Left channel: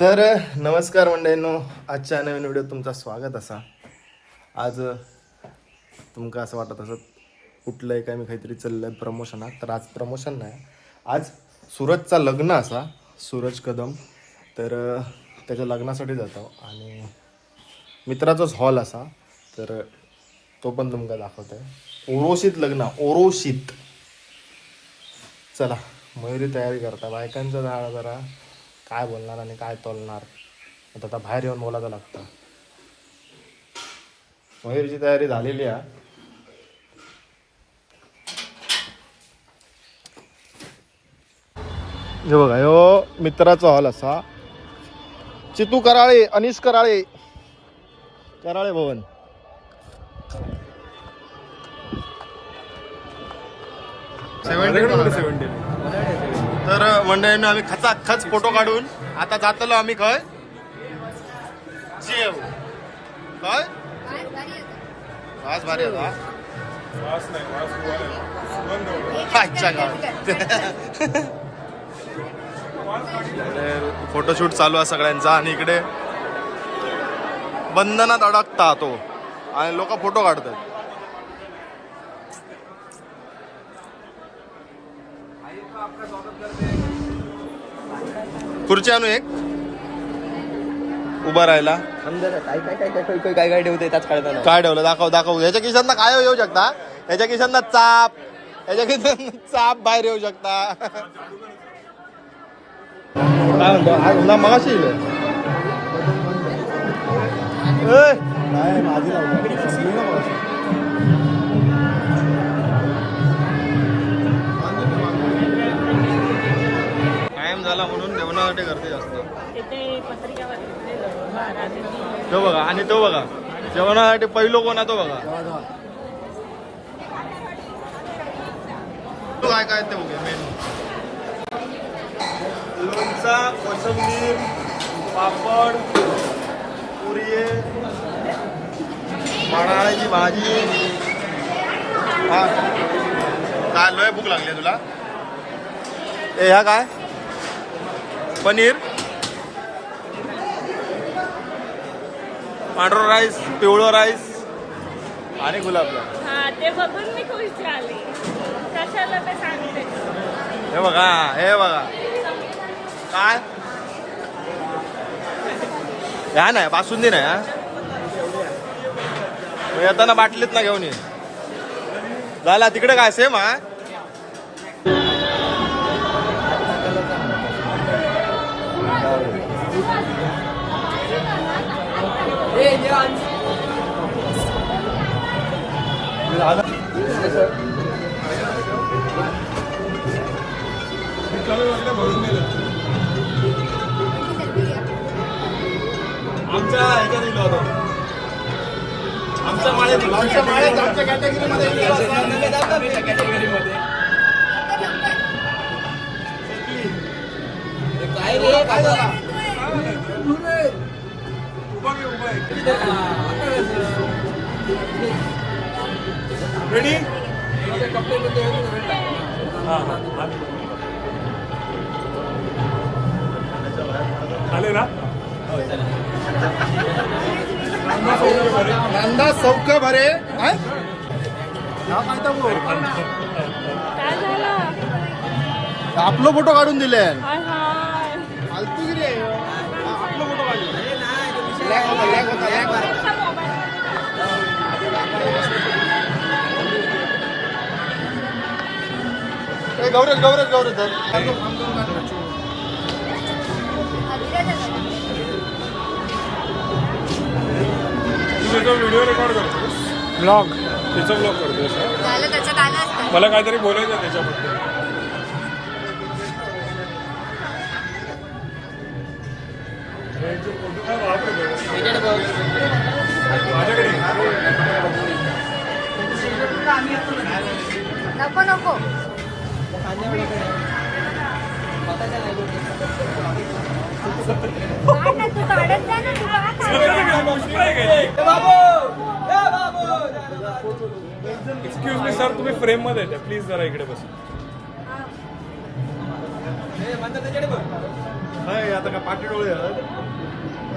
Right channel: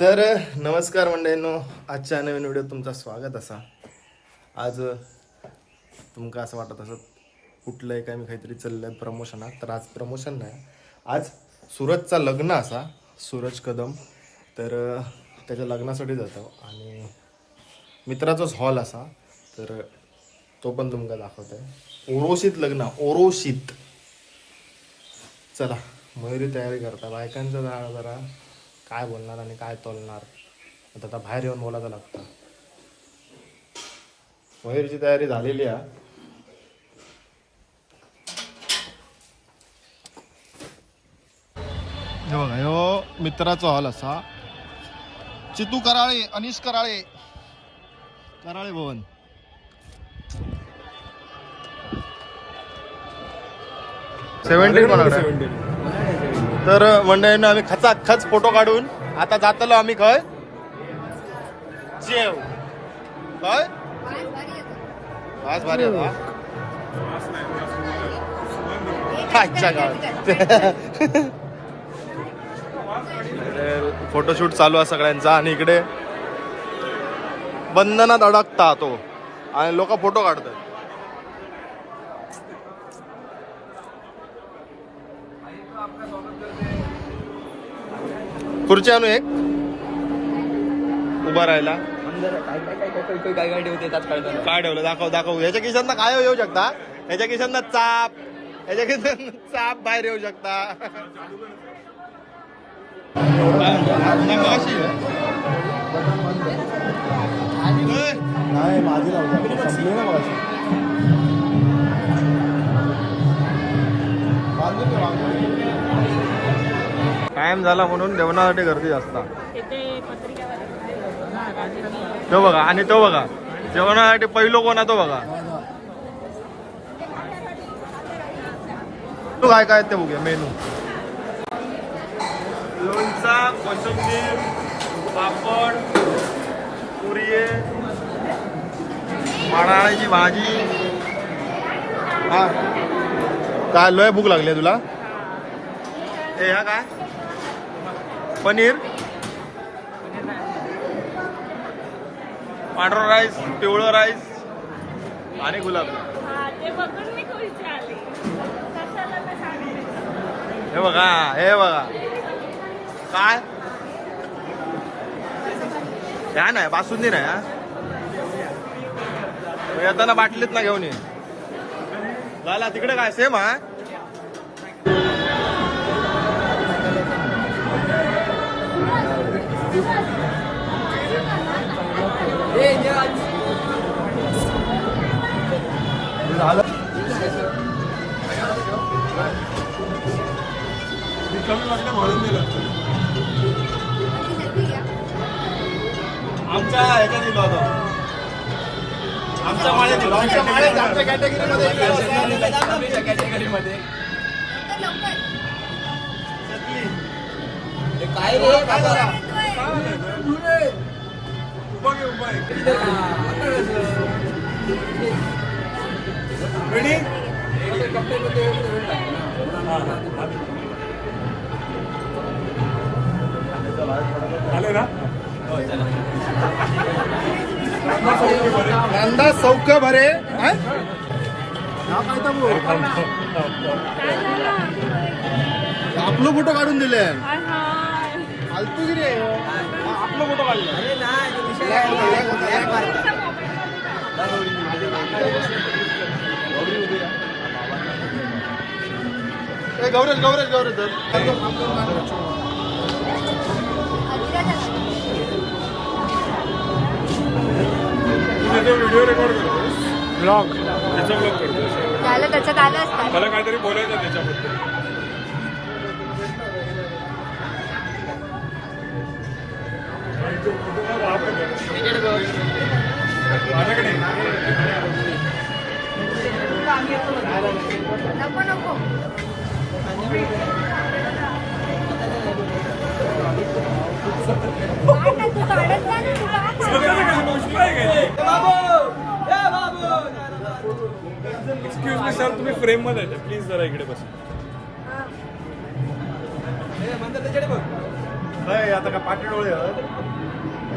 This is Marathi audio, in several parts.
तर नमस्कार मंडळींनो. आजच्या नवीन व्हिडिओ तुमचा स्वागत असा. आज तुमका असं वाटत असत कुठलंय काय मी काहीतरी चाललंय प्रमोशनात तर आज प्रमोशन नाही. आज सूरजचा लग्न असा. सूरज कदम. तर त्याच्या लग्नासाठी जातो. आणि मित्राचाच हॉल असा. तर तो पण तुमका दाखवत आहे ओरोशीत लग्न ओरोशीत चला मयुरी तयारी करता. बायकांचा जरा जरा काय बोलणार आणि काय तोलणार? आता आता बाहेर येऊन बोलायचं लागतं. मयुरीची तयारी झालेली आहे. हे बघा ह्यो मित्राचा हॉल असा. चितू कराळे अनिश कराळे. कराळे भवन. सेव्हन्टीन तर मंडळीनं आम्ही खचा खच फोटो काढून आता जातलो आम्ही खय जेव. काय? आज भारी आता अच्छा फोटोशूट चालू आहे सगळ्यांचा आणि इकडे बंधनात अडकता तो. आणि लोक फोटो काढतात. खुर्ची आणू एक. उभा राहायला. काय काय ठेवते काय ठेवलं? दाखव दाखव. याच्या खिशांना काय येऊ शकता? याच्या खिशांना चाप. याच्या खिशांना चाप बाहेर येऊ शकता. ना टाइम झाला म्हणून जेवणासाठी गर्दी जास्त. तो बघा आणि तो बघा. जेवणासाठी पहिलो कोण आहे तो बघा. तू काय काय ते बघूया मेनू. लोणचा कोशिंबीर पापड पुरी माडाळ्याची भाजी. हा. काय लोय भूक लागली तुला? ए ह्या काय? पनीर पांढरा राईस पिवळं राईस आणि गुलाबजाम हा, बघा हे बघा. काय? ह्या नाही बासुंदी नाही हा येताना बाटलीत ना घेऊन ये. झाला तिकडे काय सेम हा? आमच्या ह्याच्यात दिलं होतं आमच्या माळ्यात दिलं. आमच्या माळ्यात आमच्या कॅटेगरीमध्ये काय रे? काय झाला? रेडी आले ना कांदा सौक भरे? हा. आपलं फोटो काढून दिले फालतूगिरी आहे. हा, आपलं फोटो काढले गौरज गौरज गौरज व्हिडिओ रेकॉर्ड करतोस. ब्लॉग तिचा ब्लॉग करतोस. त्याला काहीतरी बोलायचं त्याच्याबद्दल. एक्सक्यूज मी सर तुम्ही फ्रेममध्ये प्लीज जरा इकडे बस. आता का पाठी डोळे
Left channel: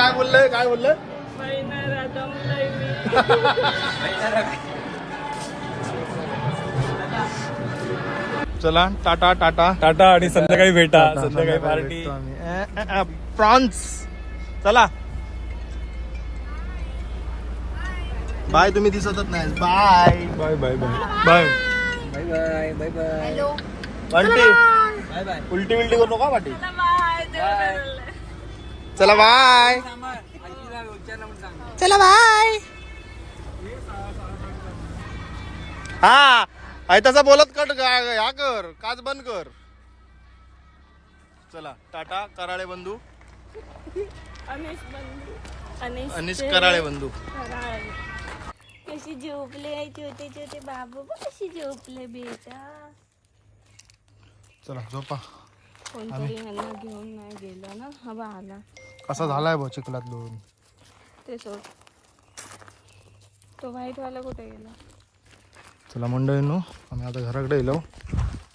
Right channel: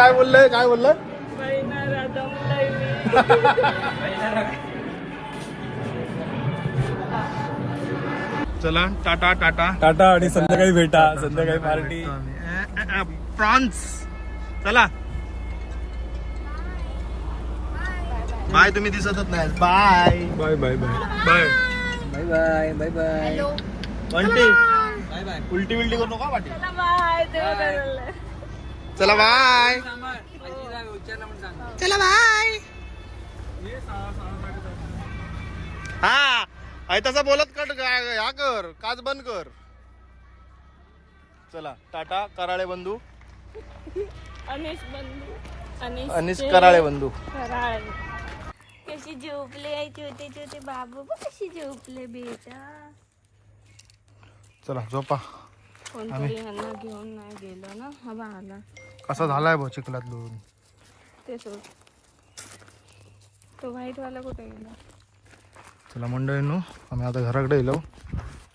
काय बोललो मी काय बोललोय काय बोललोय. चला टाटा टाटा. टाटा आणि संध्याकाळी भेटा संध्याकाळी पार्टी. प्रॉन्स चला. बाय तुम्ही दिसतच नाही. Bye. Bye bye bye. Bye. Bye bye bye bye. Bye bye. उलटी उलटी करू नका वाटी चला बाय. चला बाय. हा आहे तसा बोलत कट ह्या कर काच बंद कर. चला टाटा कराळे बंधू. अनिश बंधू. अनिश कराळे बंधू. कशी झोपले छोटे छोटे बाबू? कशी झोपले बेटा? चला झोपा. कोणतरी यांना घेऊन नाही गेलं ना? हा बा आला. कसा झालाय भाऊ चिखलात दोन ते सोड. तो व्हाईट वाला कुठे गेला? चला मंडळींनो आम्ही आता घराकडे येलो.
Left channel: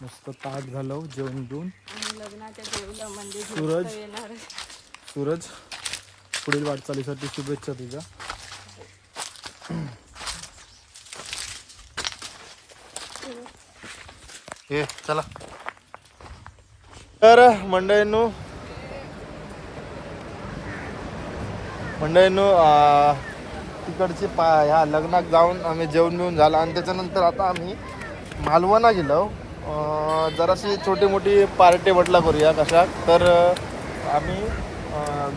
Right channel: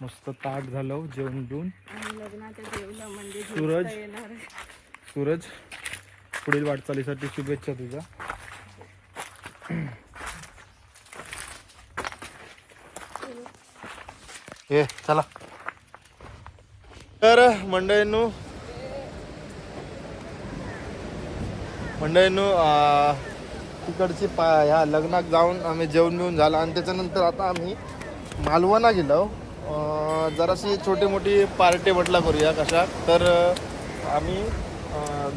मस्त ताट झालो जेवण बिवून आणि लग्नाच्या देवीला म्हणजे सूरज. झोपता येणार आहे. सूरज पुढील वाटचालीसाठी शुभेच्छा तुझ्या. ये चला. तर मंडळींनू मंडळींनू तिकडची पा ह्या लग्नात जाऊन आम्ही जेवण मिळून झालं आणि त्याच्यानंतर आता आम्ही मालवणा गेलो. जराशी छोटी मोठी पार्टी म्हटला करूया कशा. तर आम्ही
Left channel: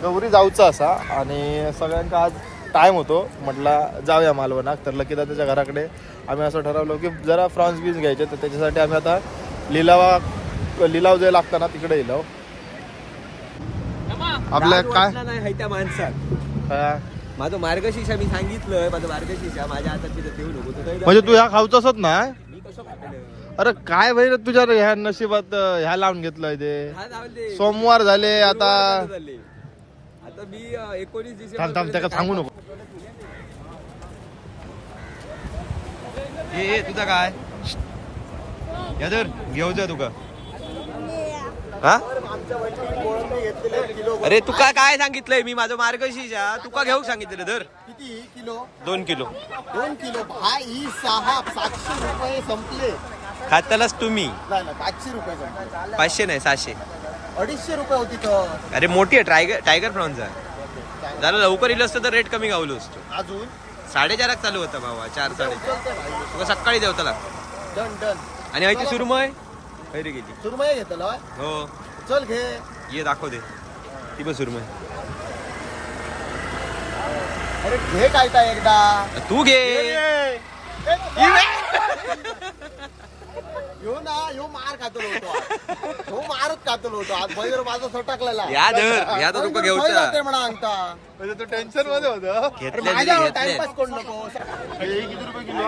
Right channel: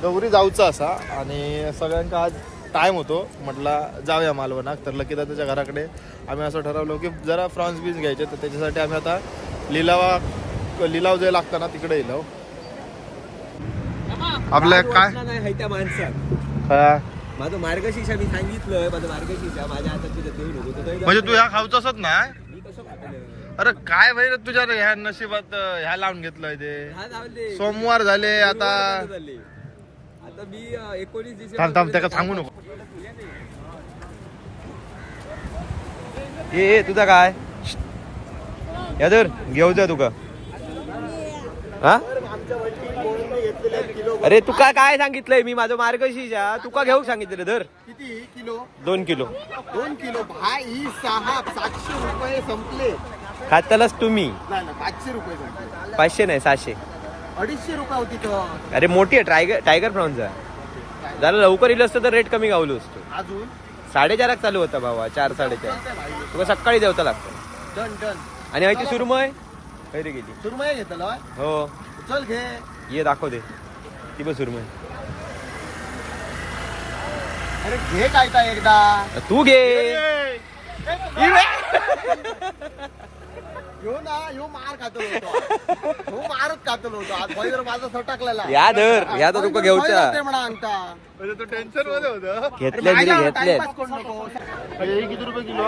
गौरी जाऊचा असा आणि सगळ्यांचा आज टाईम होतो म्हटला जाऊया मालवणात. तर लकी त्याच्या घराकडे आम्ही असं ठरवलं की जरा फ्रॉन्स बीन्स घ्यायचे तर त्याच्यासाठी आम्ही आता लिलावा लिलाव जे लागतं ना तिकडे येलो आपल्या काय? नाही हाय त्या माणसात. हा. माझं मार्गशीर्षा मी सांगितलंय माझं मार्गशीर्षा माझ्या हातात देऊ नको म्हणजे तू ह्या मी कसं खातलं अरे काय भाई रे तुझ्या ह्या नशिबात ह्या लावून घेतलंय ते? हा सोमवार झाले आता. आता मी एकोणीस त्याला सांगू नको. ए तुझा काय? या तर घेऊ जा तुका. हा? अरे तुका काय सांगितलंय? मी माझं मार्गशीर्षा. तुका घेऊ सांगितलं धर. किती? किलो? दोन किलो. दोन किलो. भाई सहा सातशे रुपये संपले. खातालाच तुम्ही. पाचशे रुपये संपले. पाचशे नाही सहाशे. अडीचशे रुपये होती तर. अरे मोठी आहे टायगर टायगर प्रॉन्सचा झालं लवकर इलं असतं तर रेट कमी गावलो असतो. अजून? साडेचाराक चालू होता बाबा चार साडेचार. तुका सकाळी जेवता लागतो. Done done. आणि माहिती सुरमय? खैरी गेली सुरमय घेतलं हो. चल घे. ये दाखव दे. ती पण सुरमय अरे घे काय काय एकदा. तू घे. यो ना यो मार खातलो होतो यो मारच खातलो होतो आज बैर माझा सटकलेला. या धर. या तर तुका घेऊचा म्हणा अंगठा. म्हणजे तू टेन्शनमध्ये होतो. घेतले दिले घेतले हे किती रुपये किलो?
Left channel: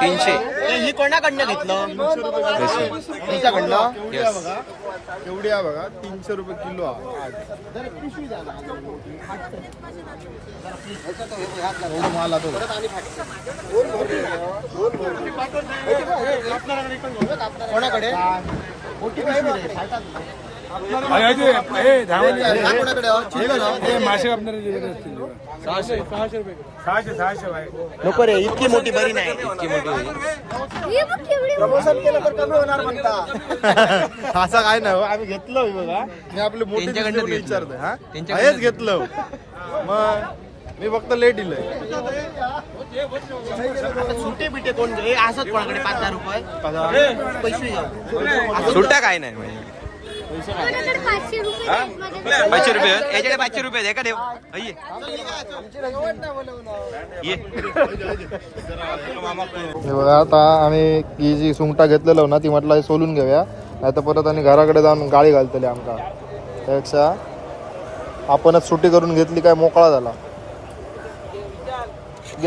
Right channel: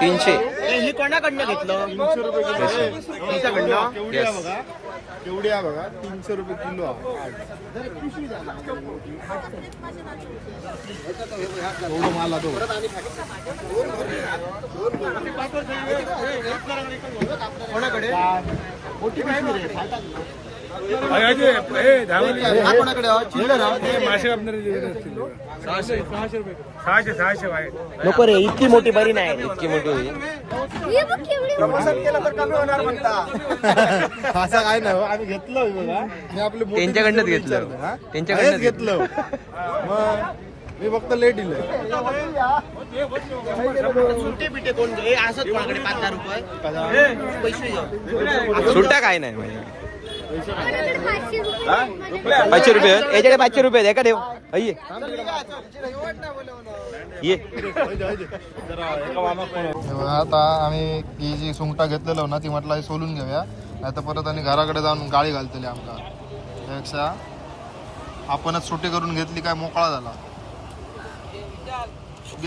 तीनशे. ही कोणाकडनं घेतलं? तीनशे रुपये किलो. तुमच्याकडनं केवढी आहे बघा. केवढी आहे बघा? तीनशे रुपये किलो आहे. माल तो कोणाकडे? मोठी पिशवी. हा कोणाकडे आहे? चिल्लर हा? सहाशे सहाशे नको रे इतकी मोठी बरी नाही इतकी मोठी होईल प्रमोशन केलं तर कमी होणार म्हणता. असं काय नाही हो, आम्ही घेतलं बघा. मी आपले मोठे त्यांच्याकडनंच मित्र घेतलं. विचारतोय, हा? त्यांच्याकडनंच घेतलं. मग मी फक्त लेट दिलंय. सुट्टा काय नाही म्हणजे? पाचशे रुपये आहेत. याच्याकडे पाचशे रुपये आहेत. एका देव ये. आता आम्ही ही जी सुंगटा घेतलेलो ना ती म्हटलं सोलून घेऊया. नाही तर परत आणि घराकडे जाऊन गाडी घालतले आमका. त्यापेक्षा आपणच सुट्टी करून घेतली काय मोकळा झाला.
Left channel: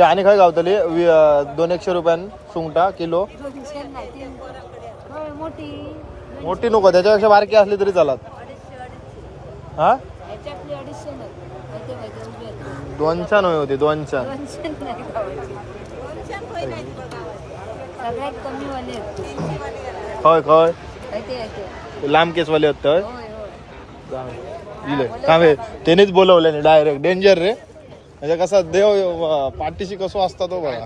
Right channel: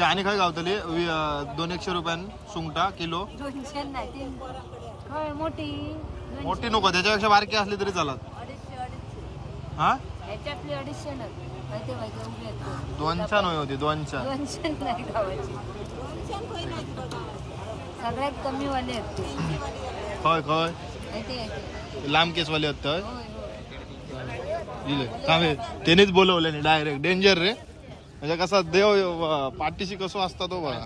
आणि काय गावतली? दोन एकशे रुपयान सुंगटा किलो. मोठी. मोठी नको त्याच्यापेक्षा बारकी असली तरी चालत. हा? दोनच्या नव्हे होती दोनच्या खय खय लांब केसवाले होत दिले थांबे. त्यानेच बोलवलं डायरेक्ट डेंजर रे. म्हणजे कसा देव पाठीशी कसो असता तो बघा.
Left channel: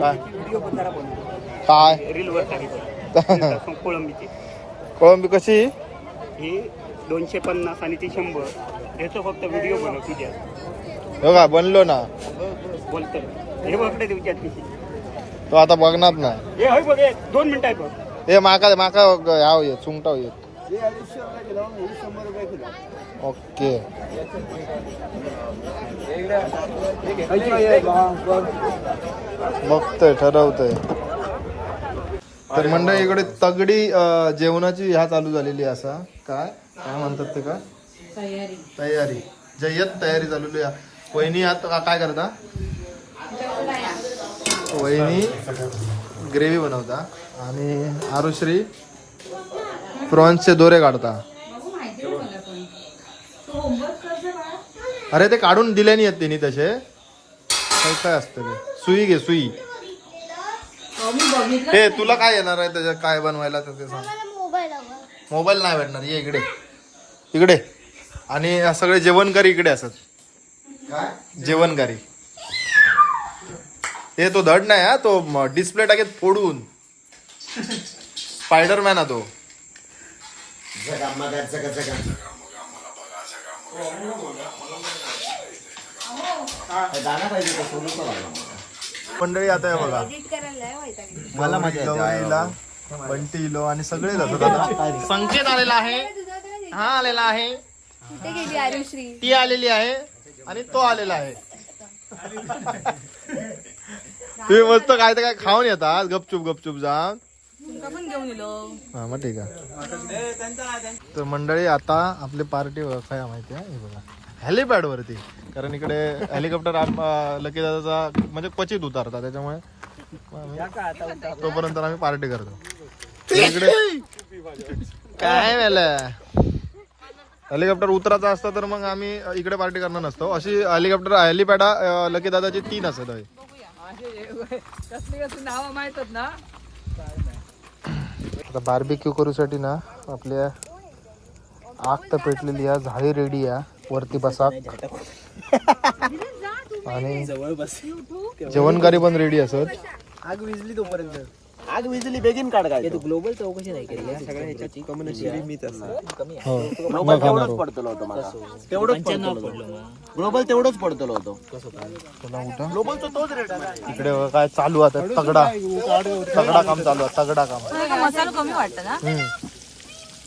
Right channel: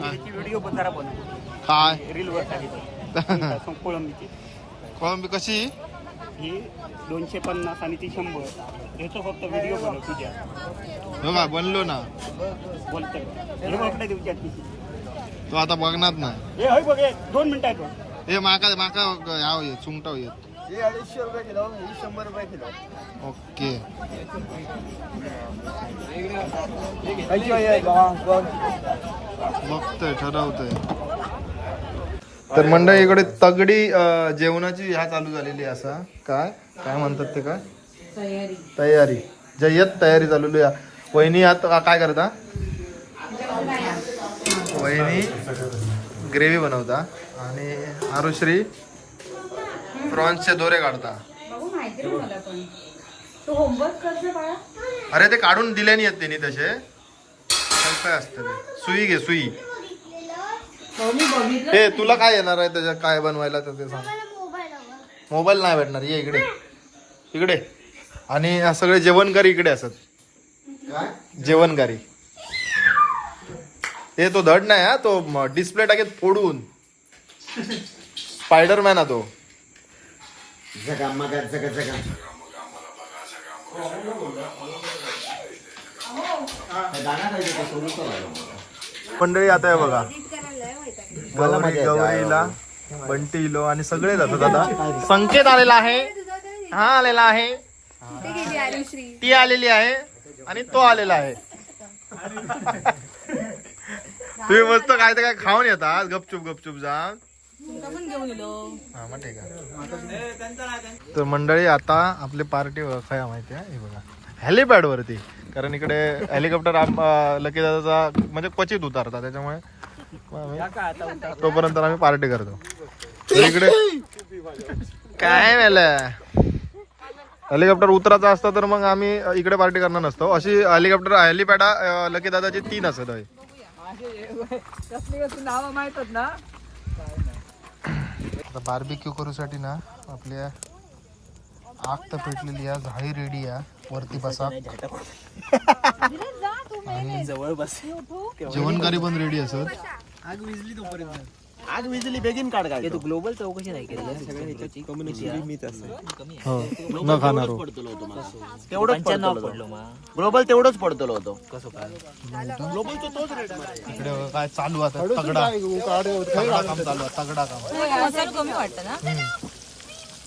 काय? काय कोळंबीची कोळंबी कशी? ही दोनशे पन्नास आणि ती शंभर. याचा फक्त व्हिडिओ बनव तुझ्या. बघा बनलो ना. बोलतो हे बघ तुझ्या तो आता बघणार ना. हे होय बघ हे दोन मिनिटं आहे बघ. हे माका माका याव येत सुंगटाव येत ओके. बघतोय ठरवतोय. तर मंडळी इकडे तगडी अं, जेवणाची ह्या चालू झालेली आहे असा. काय? काय म्हणतात ते काय? तयारी. तयारी. जय्यत तयारी चालू आहे. वहिनी आता काय करता? वहिनी ग्रेव्ही बनवता. आणि आरुश्री प्रॉन्सचे दोरे काढता. अरे ते काढून दिले नाही आहेत त्यांनी तसे. काय काय असतं ते? सुई घे सुई. हे तुला काय येणार आहे त्याच्यात? काय बनवायला तर ते सांग. मोबाईल नाही भेटणार. ये इकडे. इकडे. आणि हे सगळे जेवणकारी इकडे असत. जेवणकारी. ते तो धड नाही हा. तो डिस्प्ले टाकेत फोडून. स्पायडरमॅन हा तो. मंडळी आता आहे बघा. गौरी- गौरीला बंटी इलो आणि सगळे जातात आता. संकेत आलेला आहे. हा आलेला आहे. ते गेली आरुश्री ती आलेली आहे आणि तो आलेला आहे. तुम्ही मस्त काय तर काय खाऊन येतात गपचूप गपचूप जा. हा मग ठीक आहे. तर मंडळी आता आपली पार्टी काय माहिती आहे? हे बघा. हेलिपॅड वरती कारण इकडे हेलिकॉप्टर लकी दादाचा म्हणजे क्वचित उतारतात त्याच्यामुळे तोपर्यंत आम्ही पार्टी करतो. इकडे. काय झालं हेलिकॉप्टर उतरायचा असतं तर मग आम्ही इकडे पार्टी करणार नसतो. अशी हेलिकॉप्टर हेलिपॅड लकी दादाची तीन असत आहे आता बार्बिक्यू करूसाठी ना आपल्या आग तर पेटलेली आहे झाडी रेडी आहे. वरती बसा. आणि जेवणकारी पण रेडी असत. आग विजली तोपर्यंत. आग विजली बेगीन काढ काय तू ग्लोबल चौकशी नाही केली सगळ्या ह्याच्यात कम्युनिटी मीच हो. न खाणार हो. पडतलो होतो मला. तेवढंच पडतलो ग्लोबल तेवढंच पडतलो होतो. ग्लोबलचा तोच रेट इकडे बघा काय चालू आता? तगडा. तगडा काम चालू आहे तगडा काम. मसाला कमी वाटतं ना?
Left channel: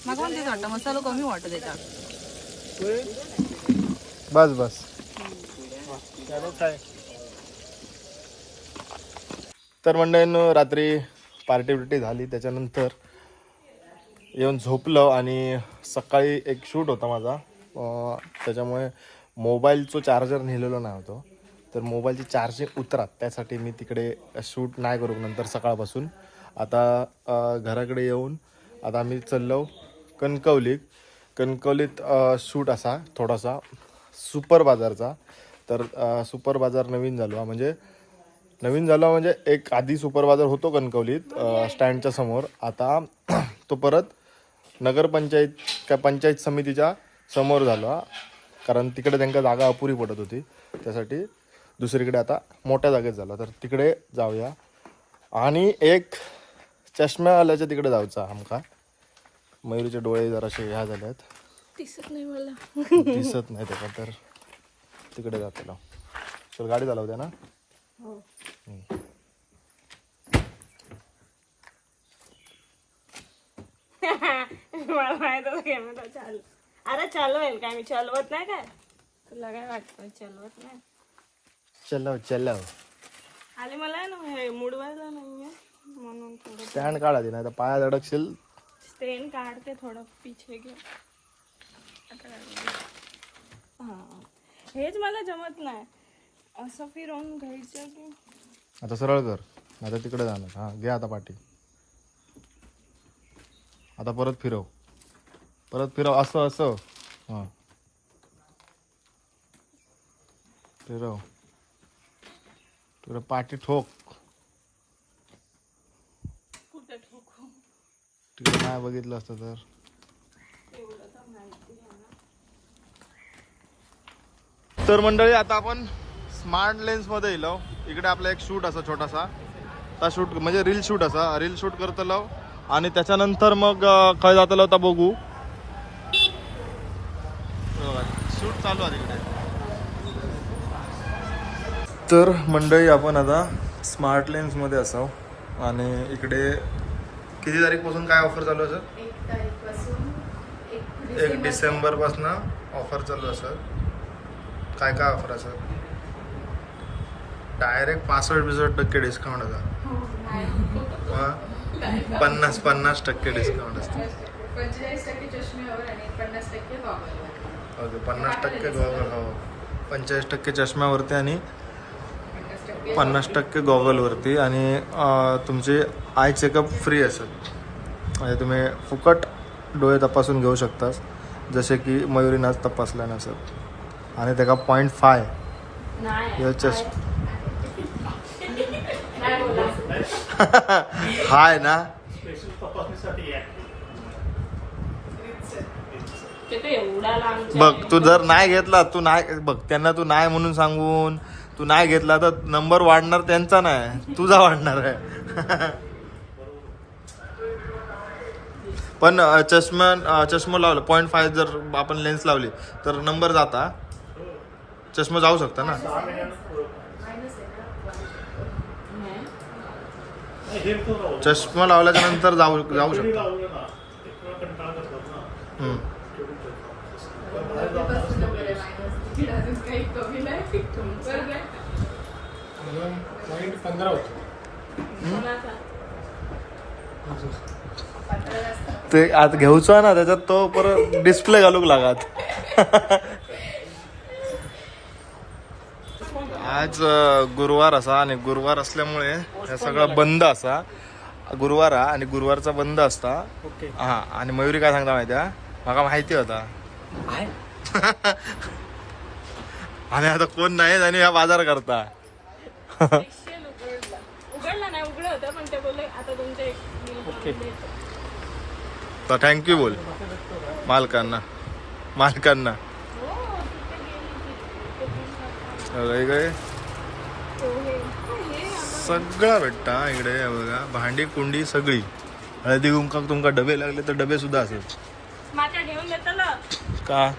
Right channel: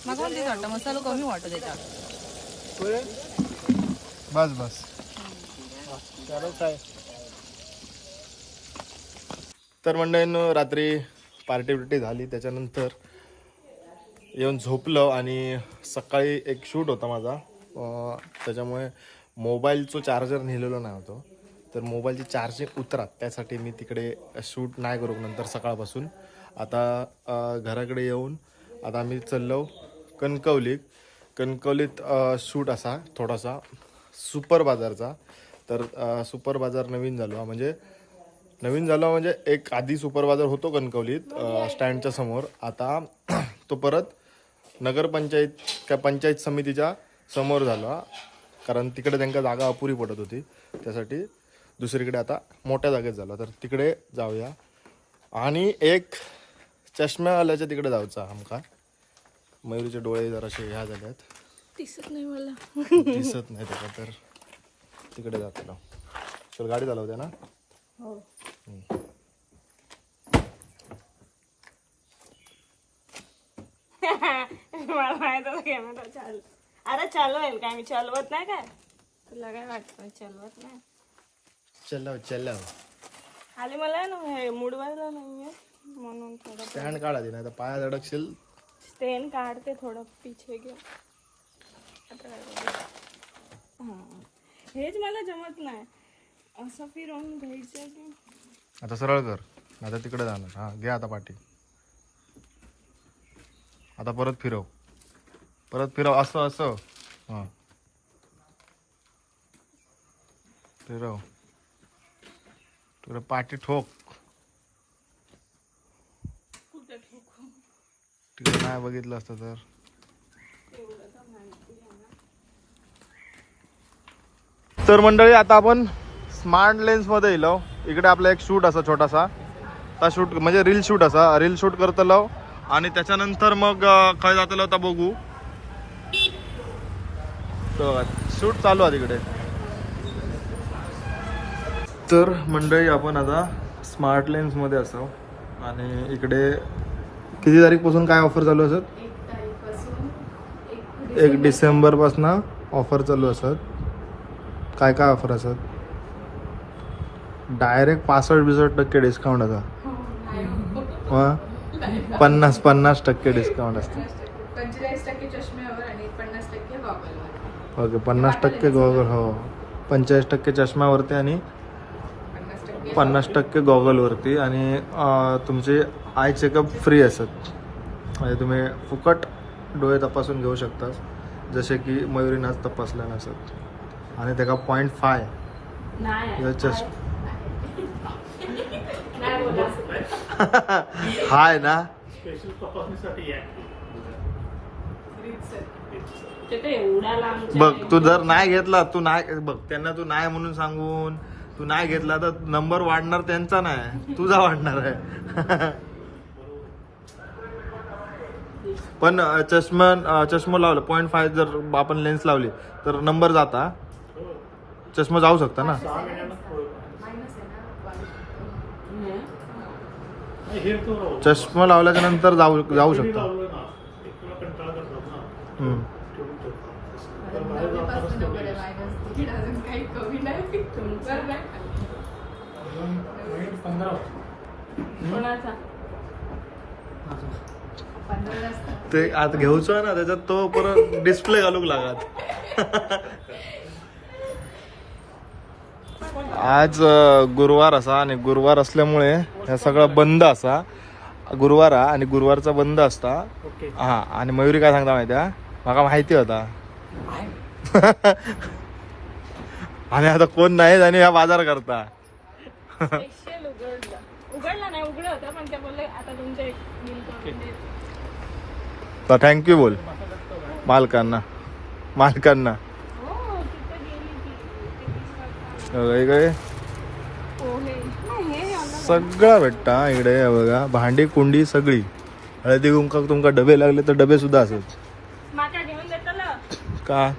मला पण तेच वाटतं मसाला कमी वाटतं त्याच्यात. बस बस. तर मंडळीनं रात्री पार्टी बिर्टी झाली त्याच्यानंतर येऊन झोपलं आणि सकाळी एक शूट होता माझा. त्याच्यामुळे मोबाईलचं चार्जर नेलेलो नाही होतो. तर मोबाईलची चार्जिंग उतरात त्यासाठी मी तिकडे शूट नाही करू नंतर सकाळपासून. आता घराकडे येऊन आता आम्ही चाललो कणकवलीत. कणकवलीत शूट असा थोडासा सुपर बाजारचा. तर सुपर बाजार नवीन झालो म्हणजे नवीन झाला म्हणजे एक आधी सुपर बाजार होतो कणकवलीत स्टँडच्या समोर. आता तो परत नगरपंचायत काय पंचायत समितीच्या समोर झाला. कारण तिकडे त्यांना जागा अपुरी पडत होती. त्यासाठी दुसरीकडे आता मोठ्या जागेत झाला. तर तिकडे जाऊया. आणि एक चष्म्यावाल्याच्या तिकडे जायचा आमका. मयुरीचे डोळे जरासे ह्या झाल्यात दिसत नाही मला. दिसत नाही त्याचा तर तिकडे जातो चल गाडी चालवते ना. मला माहीत होतं कॅमेरा चालू अरे चालवेल काय? मी चालवत नाही काय? तुला काय वाटतं? चालवत नाही. चलव चलव. खाली मला आहे ना हे मुडवायला नाही म्हणून थोडं स्टँड काढा नाही तर पायात अडकशील पेन काढते थोडं पिछे घे. आता काय? हा. हेच मला जमत नाही. असं फिरवून घ्यायचं की? आता सरळ कर. आता तिकडे जाणार. हा घे आता पाठी. आता परत फिरव. परत फिरव. असं असं. हां. फिरव. फिरव. पाठी ठोक. कुठे ठोकू? तिकडे नाही बघितलं असतं तर. तर मंडळी आता आपण स्मार्ट लेन्समध्ये येलो इकडे आपला एक शूट असा छोटासा. ता शूट म्हणजे रील शूट असा. रील शूट करतलो आणि त्याच्यानंतर मग खंय जातलो आता बघू. शूट चालू आहे तिकडे. तर मंडळी आपण आता स्मार्ट लेन्समध्ये असाव. आणि इकडे किती तारीखपासून काय ऑफर चालू असत एक डिसेंबर. पासून ऑफर चालू असत काय काय ऑफर असत डायरेक्ट पासष्ट बिसष्ट टक्के डिस्काउंट आता पन्नास पन्नास टक्के डिस्काउंट असते. ओके पन्नास टक्के गॉगल हो. पंचेचाळीस टक्के चष्म्यावरती आणि पन्नास टक्के गॉगलवरती आणि तुमचे आय चेकअप फ्री असत म्हणजे तुम्ही फुकट डोळे तपासून घेऊ शकतास जसे की मयुरीनाच तपासल्या नसत आणि त्याका पॉईंट फाय नाही हाय ना. बघ तू जर नाही घेतला तू नाही बघ त्यांना तू नाही म्हणून सांगून तू नाही घेतला तर नंबर वाढणार त्यांचा नाही तुझा वाढणार आहे. पण चष्मा चष्मा लावला पॉईंट फाय जर आपण लेन्स लावली तर नंबर जाता. चष्मा जाऊ शकता ना. चष्मा लावल्याच्या नंतर जाऊ जाऊ शकता. ते आता घेऊचो आहे ना त्याच्यात तो परत डिस्प्ले घालूक लागत. आज गुरुवार असा आणि गुरुवार असल्यामुळे हे सगळं बंद असा. गुरुवार हा आणि गुरुवारचा बंद असता. हा आणि मयुरी काय सांगता माहिती माका माहिती होता. आणि आता कोण नाही आणि हा बाजार करता. तर थँक्यू बोल. मालकांना. मालकांना हो तिथे गेली आम्हाला- सगळं भेटतं इकडे बघा. भांडी कुंडी सगळी. हळदी कुंकाक तुमका डबे लागले तर डबे सुद्धा असत का?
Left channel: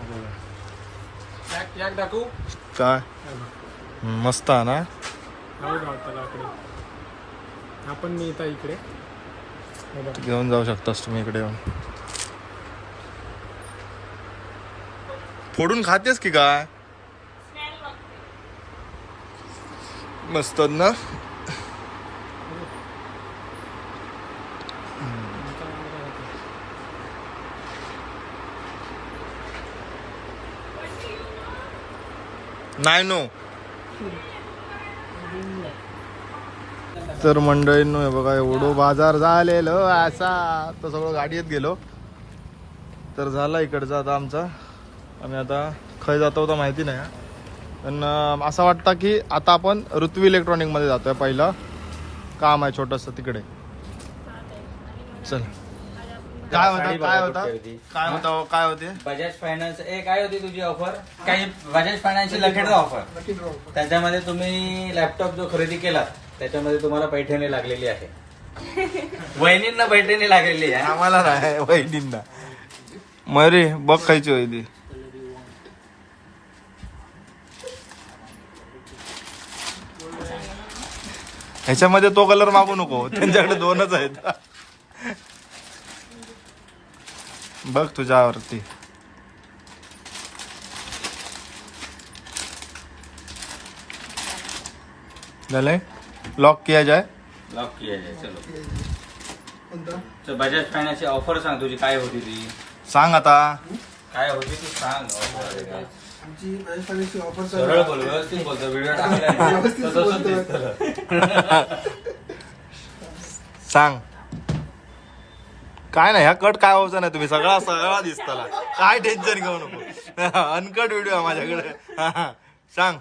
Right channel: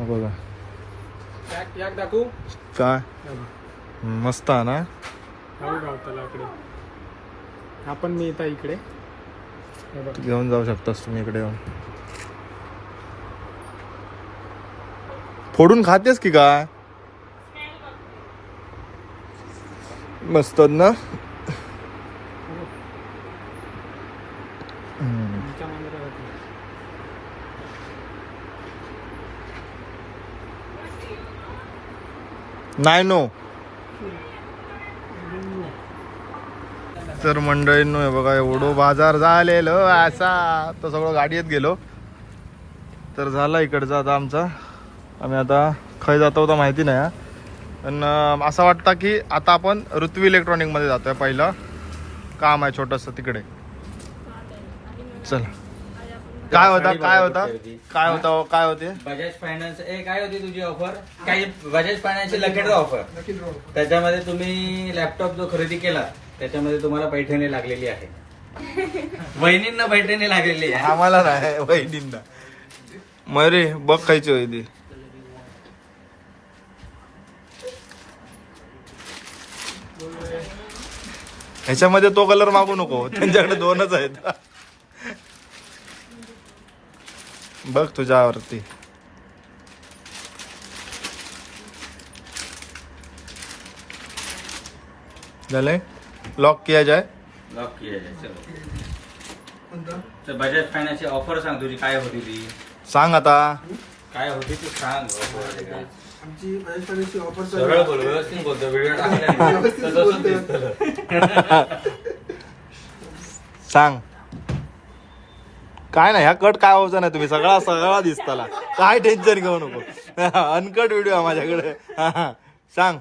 बघा. काय मस्त ना? आपण मी येता इकडे. घेऊन जाऊ शकतास तुम्ही इकडे येऊन. फोडून खातेस की काय? मस्त ना. नाही नो तर मंडळींनो हे बघा एवढं बाजार झालेलो असा. तर सगळं गाडीत गेलो. तर झाला इकडचा आता आमचा. आम्ही आता खय जातो होता माहिती नाही हा. पण असं वाटतं की आता आपण ऋत्वी इलेक्ट्रॉनिकमध्ये जातोय पहिलं. काम आहे छोटंसं तिकडे. चल. काय होता काय होता? काय होता काय होते? बजाज फायनान्स ए काय होती तुझी ऑफर काही बजाज फायनान्सची लखेडचा ऑफर त्याच्यामध्ये तुम्ही लॅपटॉप जो खरेदी केला त्याच्यामध्ये तुम्हाला पैठणी लागलेली आहे. वहिनींना पैठणी लागलेली आहे. आम्हाला नाही वहिनींना. मरे बघ खायची होई ह्याच्यामध्ये तो कलर मागू नको. त्यांच्याकडे दोनच आहेत. बघ तुझ्यावरती झालंय? लॉक किया जाए लॉक केलेलं चलो. तर बजाज फायनान्सची ऑफर सांग तुझी काय होती ती? सांग आता. काय होती ती सांग. आमची राजस्थानाची ऑफर सरळ बोल व्यवस्थित बोलतो व्हिडिओ टाकला व्यवस्थित तसंच बोलतोय. दिसतं. सांग. काय नाही ह्या कट काय व्हायचं नाही तुम्ही? सगळा सगळा दिसताला. काय टेन्शन घेऊ नको. अनकट व्हिडिओ आहे माझ्याकडे. सांग.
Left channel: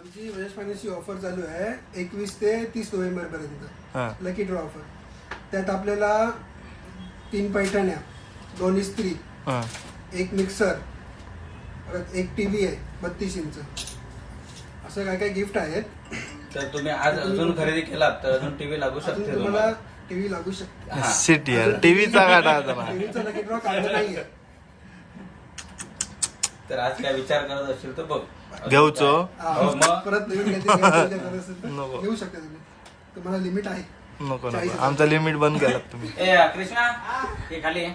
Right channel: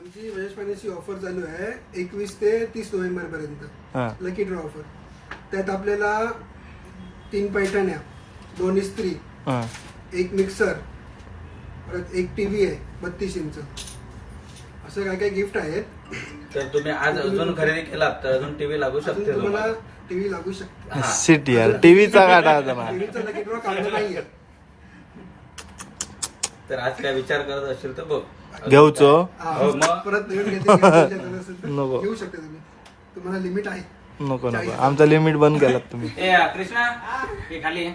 आमची फायनान्सची ऑफर चालू आहे एकवीस ते तीस नोव्हेंबर पर्यंत. हा. लकी ड्रॉ ऑफर त्यात आपल्याला तीन पैठण्या दोन इस्त्री हा. एक मिक्सर परत एक टीव्ही आहे बत्तीस इंच. असं काय काय गिफ्ट आहेत? तर तुम्ही आज अजून खरेदी केलात तर अजून टीव्ही लागू अजून शकते तुम्हाला तुम्हाला. टीव्ही लागू शकते. हा. सिटी यार टीव्हीचा काढा टीव्हीचा लकी ड्रॉ काढला नाहीये. तर आज काय विचार करत असेल तर बघ. घेऊचो हा, हो, मग? परत नवीन काहीतरी घ्यायची गरज असेल तर नको. घेऊ शकता तुम्ही. तुम्हाला लिमिट आहे. नको नको. आमचं लिमिट बंद केलात तुम्ही. ए कृष्णा हे. खाली आहे.